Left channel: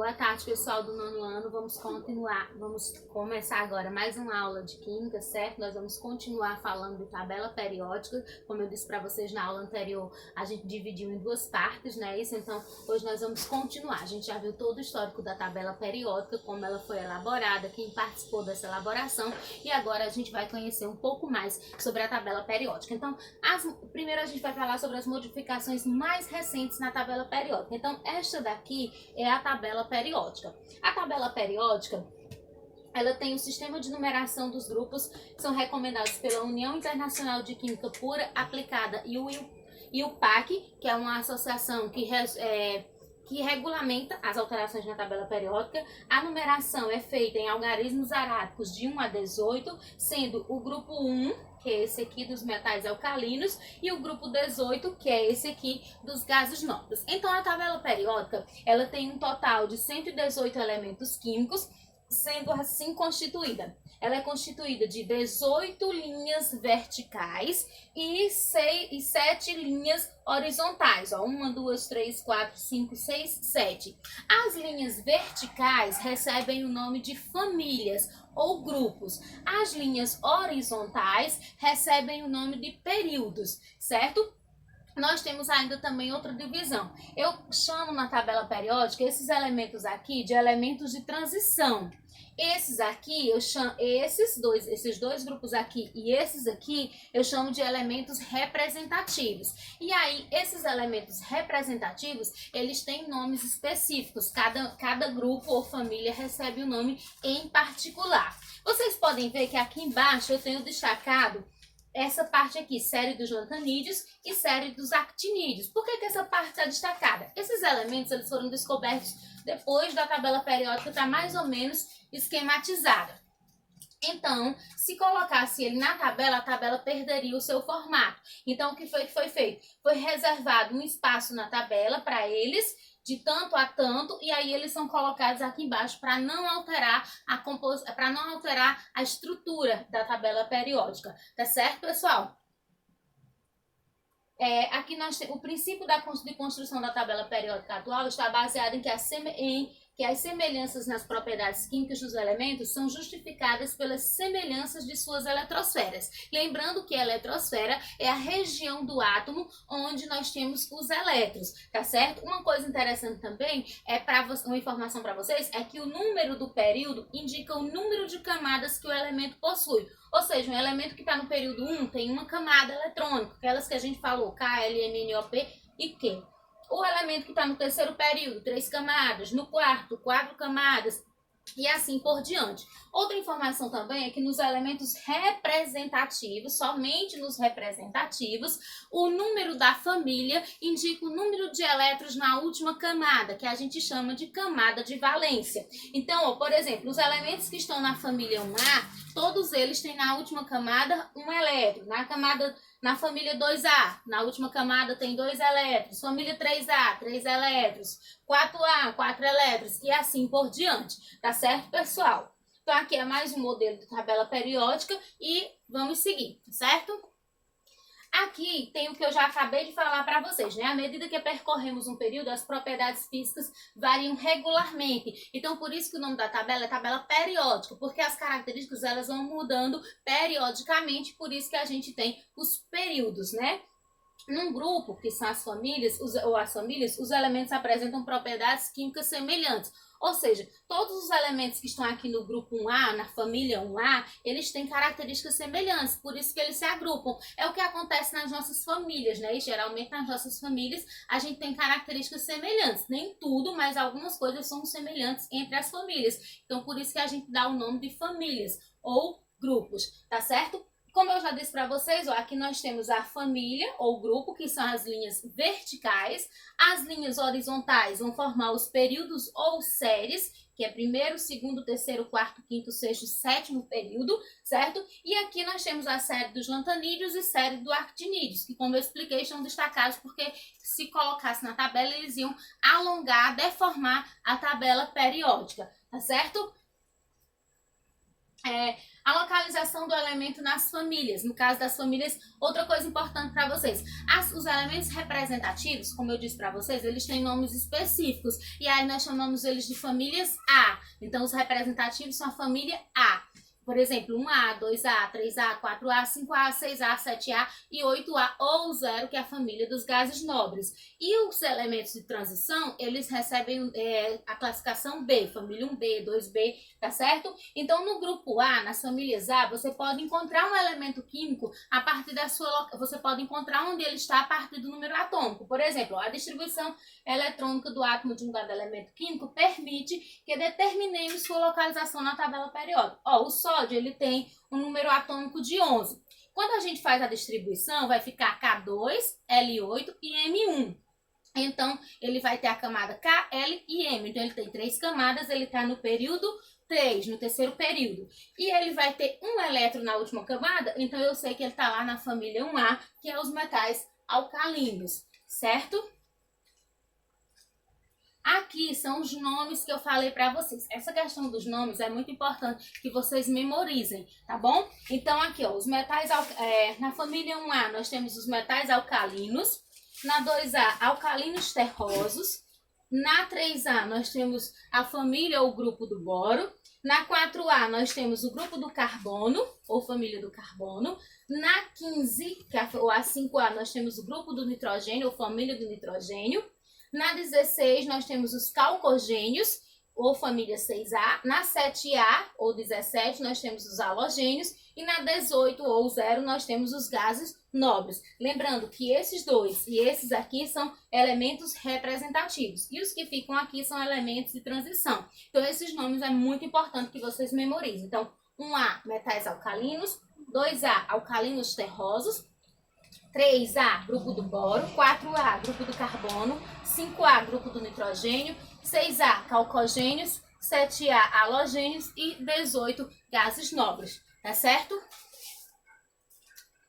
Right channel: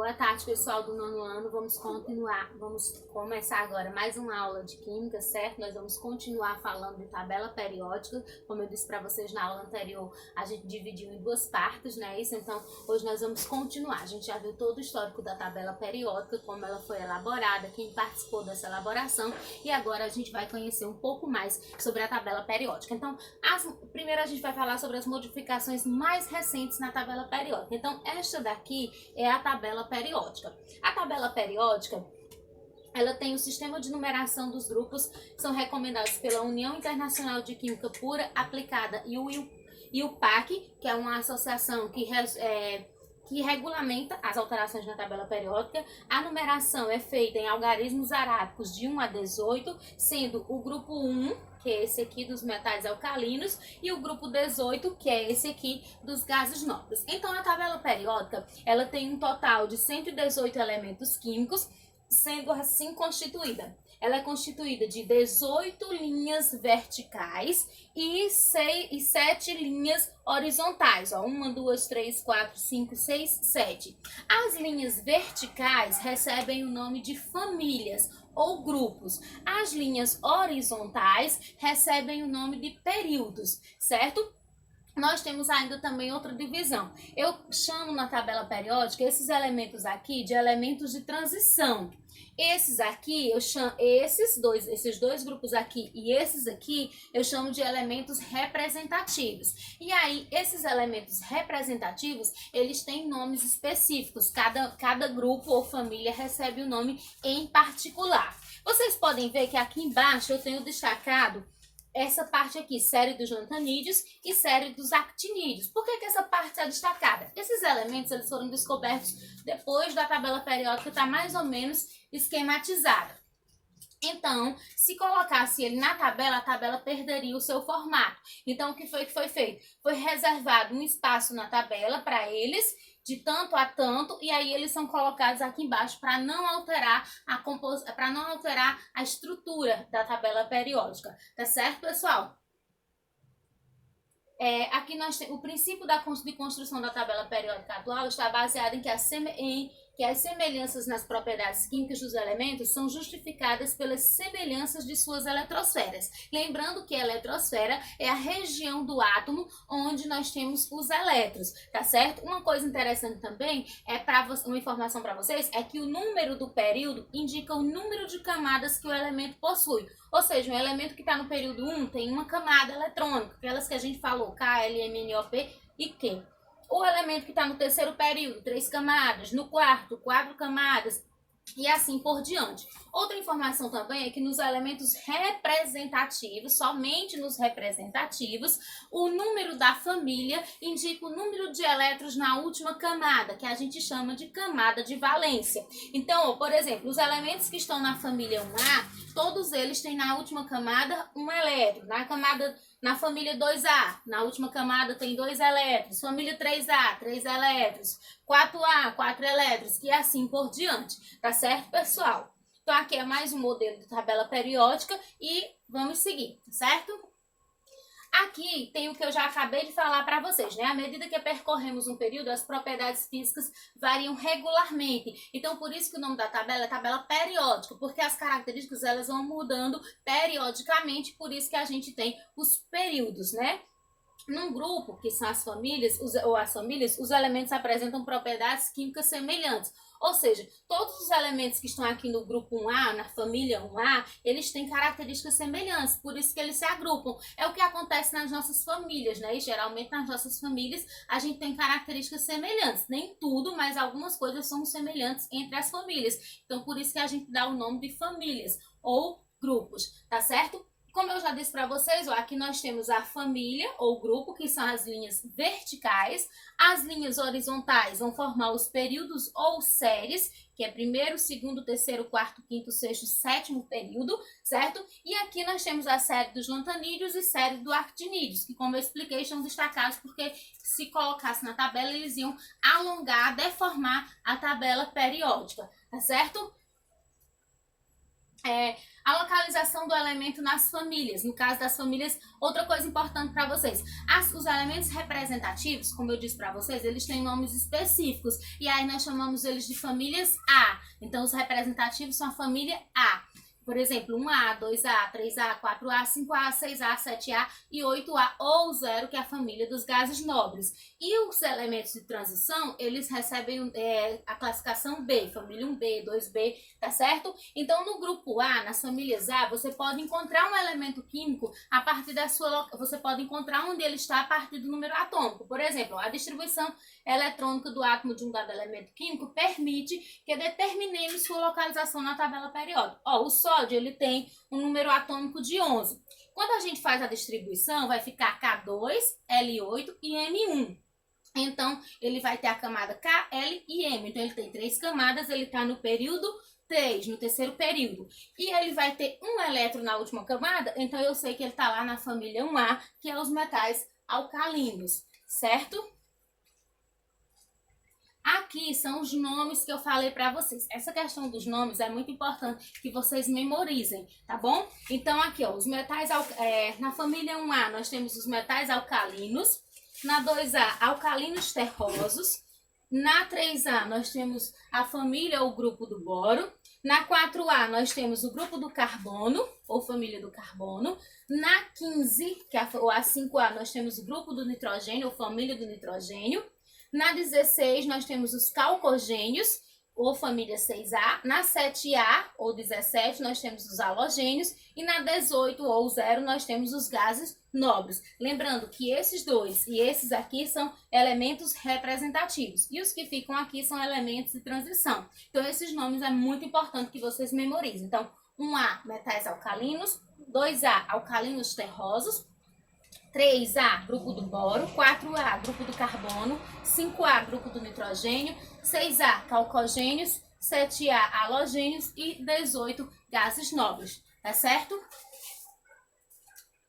Boa tarde, pessoal do nono ano. Vamos começar agora mais uma aula de Química, certo? Nós vamos continuar falando de tabela periódica. Como eu disse para vocês na aula anterior, a gente dividiu em duas partes, né? Isso, então, hoje nós vamos continuar. A gente já viu todo o histórico da tabela periódica, como ela foi elaborada, quem participou dessa elaboração, e agora a gente vai conhecer um pouco mais sobre a tabela periódica. Então, primeiro a gente vai falar sobre as modificações mais recentes na tabela periódica. Então, esta daqui é a tabela periódica. A tabela periódica, ela tem o sistema de numeração dos grupos que são recomendados pela União Internacional de Química Pura Aplicada e o PAC, que é uma associação que regulamenta as alterações na tabela periódica. A numeração é feita em algarismos arábicos de 1 a 18, sendo o grupo 1, que é esse aqui dos metais alcalinos, e o grupo 18, que é esse aqui dos gases nobres. Então, a tabela periódica, ela tem um total de 118 elementos químicos, sendo assim constituída. Ela é constituída de 18 linhas verticais e 7 linhas horizontais. 1, 2, 3, 4, 5, 6, 7. As linhas verticais recebem o nome de famílias ou grupos. As linhas horizontais recebem o nome de períodos, certo? Nós temos ainda também outra divisão. Eu chamo na tabela periódica esses elementos aqui de elementos de transição. Esses aqui, eu chamo esses dois grupos aqui e esses aqui, eu chamo de elementos representativos. E aí, esses elementos representativos, eles têm nomes específicos. Cada grupo ou família recebe um nome em particular. Vocês podem ver que aqui embaixo eu tenho destacado essa parte aqui, série dos lantanídeos e série dos actinídeos. Por que essa parte está destacada? Esses elementos eles foram descobertos depois da tabela periódica estar mais ou menos esquematizada. Então, se colocasse ele na tabela, a tabela perderia o seu formato. Então, o que foi feito? Foi reservado um espaço na tabela para eles, de tanto a tanto, e aí eles são colocados aqui embaixo para não alterar a estrutura da tabela periódica. Tá certo, pessoal? Aqui o princípio de construção da tabela periódica atual está baseado em que as semelhanças nas propriedades químicas dos elementos são justificadas pelas semelhanças de suas eletrosferas. Lembrando que a eletrosfera é a região do átomo onde nós temos os elétrons, tá certo? Uma coisa interessante também, uma informação para vocês, é que o número do período indica o número de camadas que o elemento possui. Ou seja, um elemento que está no período 1 tem uma camada eletrônica, aquelas que a gente falou, K, L, M, N, O, P e Q. O elemento que está no terceiro período, 3 camadas. No quarto, 4 camadas. E assim por diante. Outra informação também é que nos elementos representativos, somente nos representativos, o número da família indica o número de elétrons na última camada, que a gente chama de camada de valência. Então, por exemplo, os elementos que estão na família 1A, todos eles têm na última camada um elétron. Na família 2A, na última camada tem 2 elétrons. Família 3A, 3 elétrons. 4A, 4 elétrons. E assim por diante. Tá certo, pessoal? Então, aqui é mais um modelo de tabela periódica e vamos seguir, certo? Aqui tem o que eu já acabei de falar para vocês, né? À medida que percorremos um período, as propriedades físicas variam regularmente. Então, por isso que o nome da tabela é tabela periódica, porque as características elas vão mudando periodicamente, por isso que a gente tem os períodos, né? Num grupo, que são as famílias, os elementos apresentam propriedades químicas semelhantes. Ou seja, todos os elementos que estão aqui no grupo 1A, na família 1A, eles têm características semelhantes, por isso que eles se agrupam. É o que acontece nas nossas famílias, né? E geralmente nas nossas famílias a gente tem características semelhantes. Nem tudo, mas algumas coisas são semelhantes entre as famílias. Então, por isso que a gente dá o nome de famílias ou grupos, tá certo? Como eu já disse para vocês, aqui nós temos a família ou grupo, que são as linhas verticais. As linhas horizontais vão formar os períodos ou séries, que é primeiro, segundo, terceiro, quarto, quinto, sexto, sétimo período, certo? E aqui nós temos a série dos lantanídeos e série dos actinídeos, que, como eu expliquei, estão destacados porque se colocasse na tabela, eles iam alongar, deformar a tabela periódica, tá certo? a localização do elemento nas famílias. No caso das famílias, outra coisa importante para vocês. Os elementos representativos, como eu disse para vocês, eles têm nomes específicos. E aí nós chamamos eles de famílias A. Então, os representativos são a família A. Por exemplo, 1A, 2A, 3A, 4A, 5A, 6A, 7A e 8A ou 0, que é a família dos gases nobres. E os elementos de transição, eles recebem a classificação B, família 1B, 2B, tá certo? Então, no grupo A, nas famílias A, você pode encontrar um elemento químico a partir da sua... Você pode encontrar onde ele está a partir do número atômico. Por exemplo, a distribuição eletrônica do átomo de um dado elemento químico permite que determinemos sua localização na tabela periódica. Ó, o sódio, ele tem um número atômico de 11. Quando a gente faz a distribuição, vai ficar K2, L8 e M1. Então, ele vai ter a camada K, L e M. Então, ele tem 3 camadas, ele está no período 3, no terceiro período. E ele vai ter um elétron na última camada, então eu sei que ele está lá na família 1A, que é os metais alcalinos, certo? Aqui são os nomes que eu falei para vocês. Essa questão dos nomes é muito importante que vocês memorizem, tá bom? Então, aqui, ó, os metais, na família 1A, nós temos os metais alcalinos. Na 2A, alcalinos terrosos. Na 3A, nós temos a família ou grupo do boro. Na 4A, nós temos o grupo do carbono, ou família do carbono. Na 15, ou a 5A, nós temos o grupo do nitrogênio, ou família do nitrogênio. Na 16, nós temos os calcogênios, ou família 6A. Na 7A, ou 17, nós temos os halogênios. E na 18, ou 0, nós temos os gases nobres. Lembrando que esses dois e esses aqui são elementos representativos. E os que ficam aqui são elementos de transição. Então, esses nomes é muito importante que vocês memorizem. Então, 1A, metais alcalinos. 2A, alcalinos terrosos. 3A, grupo do boro, 4A, grupo do carbono, 5A, grupo do nitrogênio, 6A, calcogênios, 7A, halogênios e 18, gases nobres, tá certo?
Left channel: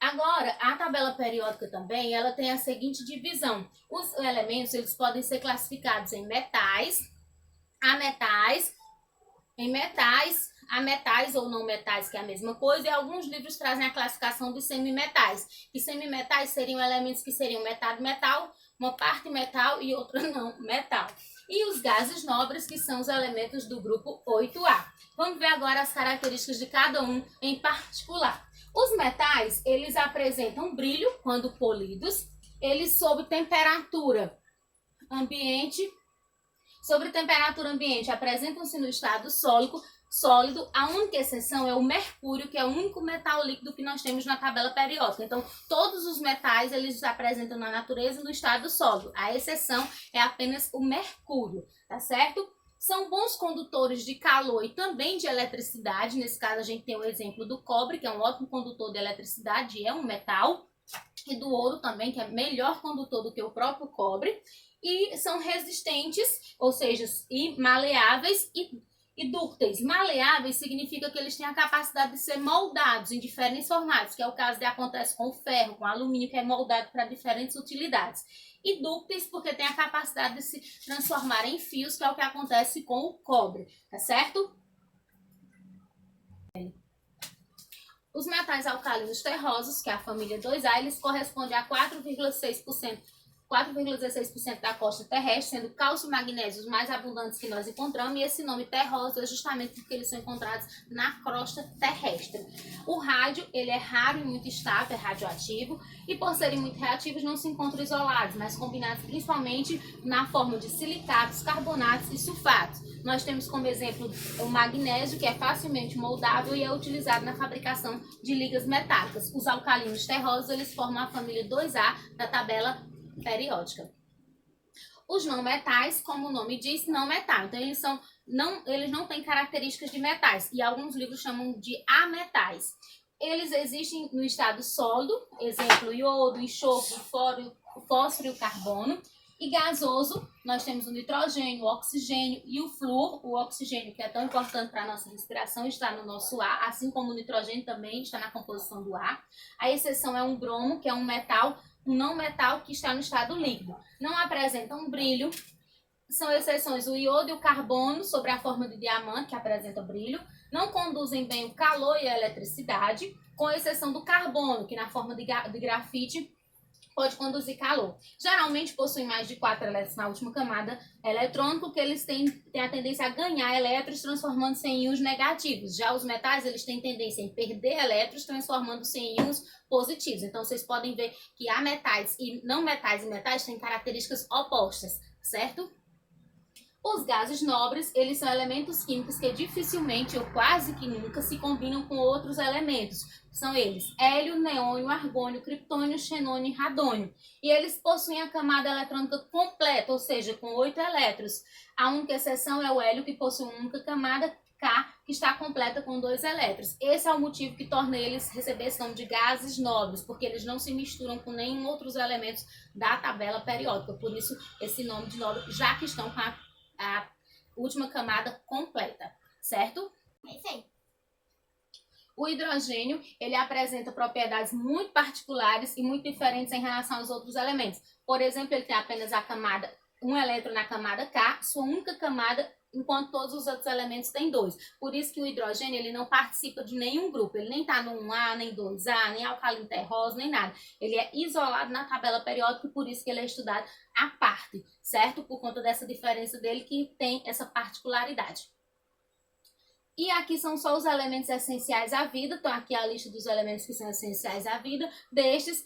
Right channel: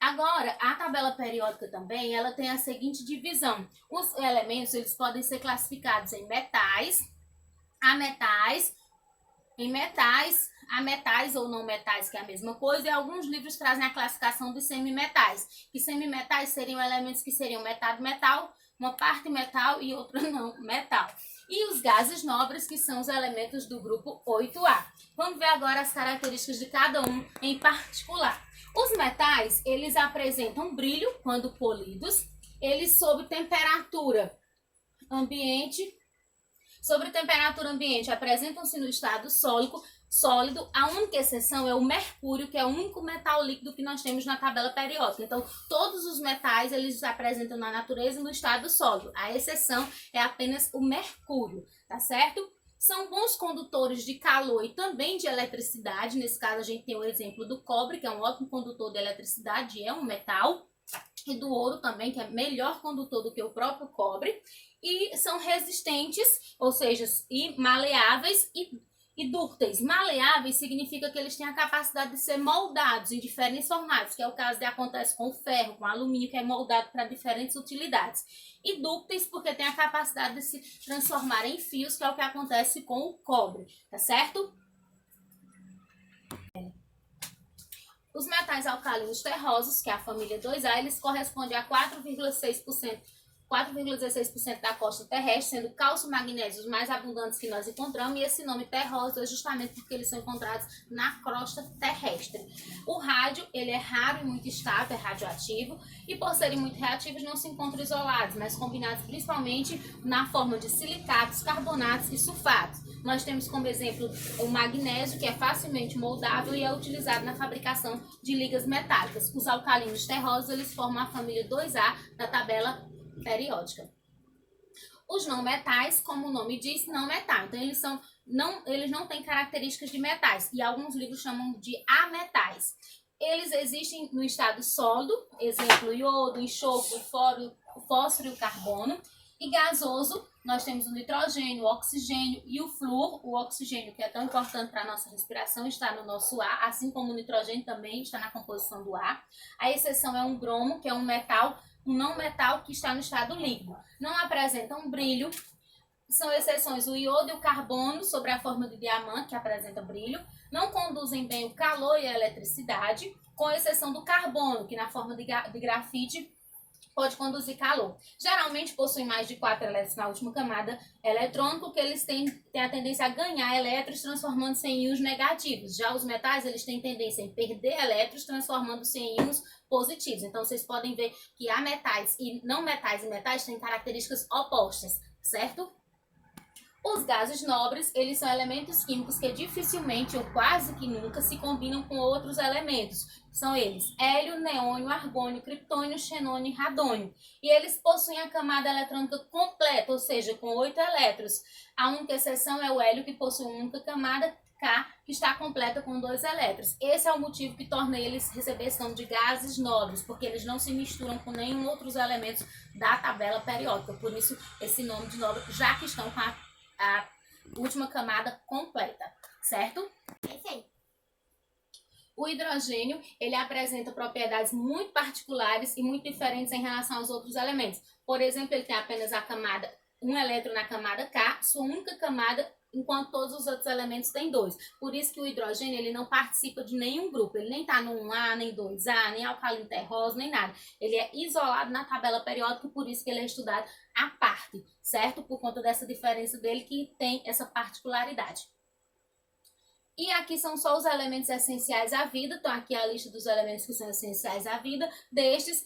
Agora, a tabela periódica também, ela tem a seguinte divisão. Os elementos, eles podem ser classificados em metais, ametais, a metais ou não metais, que é a mesma coisa, e alguns livros trazem a classificação de semimetais. E semimetais seriam elementos que seriam metade metal, uma parte metal e outra não metal. E os gases nobres, que são os elementos do grupo 8A. Vamos ver agora as características de cada um em particular. Os metais, eles apresentam brilho quando polidos, eles sob temperatura ambiente, apresentam-se no estado sólido, a única exceção é o mercúrio, que é o único metal líquido que nós temos na tabela periódica. Então, todos os metais, eles se apresentam na natureza no estado sólido. A exceção é apenas o mercúrio, tá certo? São bons condutores de calor e também de eletricidade. Nesse caso, a gente tem o exemplo do cobre, que é um ótimo condutor de eletricidade, é um metal. E do ouro também, que é melhor condutor do que o próprio cobre. E são resistentes, ou seja, e maleáveis e dúcteis. Maleáveis significa que eles têm a capacidade de ser moldados em diferentes formatos, que é o caso que acontece com o ferro, com o alumínio, que é moldado para diferentes utilidades. E dúcteis porque tem a capacidade de se transformar em fios, que é o que acontece com o cobre, tá certo? Os metais alcalinos terrosos, que é a família 2A, eles correspondem a 4,16% da costa terrestre, sendo cálcio e magnésio os mais abundantes que nós encontramos, e esse nome terroso é justamente porque eles são encontrados na crosta terrestre. O rádio, ele é raro e muito estável, é radioativo, e por serem muito reativos não se encontram isolados, mas combinados principalmente na forma de silicatos, carbonatos e sulfatos. Nós temos como exemplo o magnésio, que é facilmente moldável e é utilizado na fabricação de ligas metálicas. Os alcalinos terrosos, eles formam a família 2A da tabela periódica. Os não metais, como o nome diz, não metal. Então, eles não têm características de metais. E alguns livros chamam de ametais. Eles existem no estado sólido, exemplo, iodo, enxofre, o fósforo e o carbono. E gasoso, nós temos o nitrogênio, o oxigênio e o flúor. O oxigênio, que é tão importante para a nossa respiração, está no nosso ar, assim como o nitrogênio também está na composição do ar. A exceção é um bromo, que é um não metal que está no estado líquido. Não apresentam brilho, São exceções o iodo e o carbono, sobre a forma de diamante, que apresenta brilho, não conduzem bem o calor e a eletricidade, com exceção do carbono, que na forma de grafite pode conduzir calor. Geralmente possuem mais de 4 elétrons na última camada eletrônica, que eles têm a tendência a ganhar elétrons, transformando-se em íons negativos. Já os metais, eles têm tendência em perder elétrons, transformando-se em íons positivos. Então, vocês podem ver que há metais e não metais, e metais têm características opostas, certo? Os gases nobres, eles são elementos químicos que dificilmente ou quase que nunca se combinam com outros elementos. São eles hélio, neônio, argônio, criptônio, xenônio e radônio. E eles possuem a camada eletrônica completa, ou seja, com 8 elétrons. A única exceção é o hélio, que possui uma única camada, K, que está completa com 2 elétrons. Esse é o motivo que torna eles receber esse nome de gases nobres, porque eles não se misturam com nenhum outros elementos da tabela periódica. Por isso, esse nome de nobre, já que estão com a última camada completa, certo? Sim. O hidrogênio, ele apresenta propriedades muito particulares e muito diferentes em relação aos outros elementos. Por exemplo, ele tem apenas um elétron na camada K, sua única camada, enquanto todos os outros elementos têm 2. Por isso que o hidrogênio, ele não participa de nenhum grupo, ele nem está no 1A, nem 2A, nem alcalino terroso, nem nada. Ele é isolado na tabela periódica e por isso que ele é estudado à parte, certo? Por conta dessa diferença dele que tem essa particularidade. E aqui são só os elementos essenciais à vida. Então, aqui é a lista dos elementos que são essenciais à vida. Destes,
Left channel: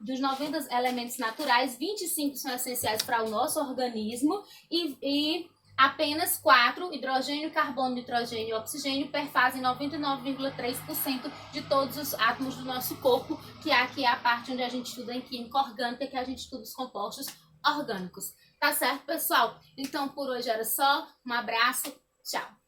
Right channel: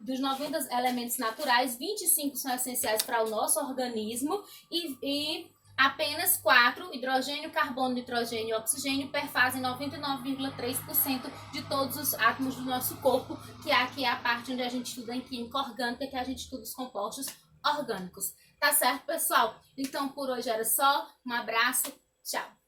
dos 90 elementos naturais, 25 são essenciais para o nosso organismo e apenas 4, hidrogênio, carbono, nitrogênio e oxigênio, perfazem 99,3% de todos os átomos do nosso corpo, que aqui é a parte onde a gente estuda em química orgânica, que a gente estuda os compostos orgânicos. Tá certo, pessoal? Então, por hoje era só. Um abraço. Tchau.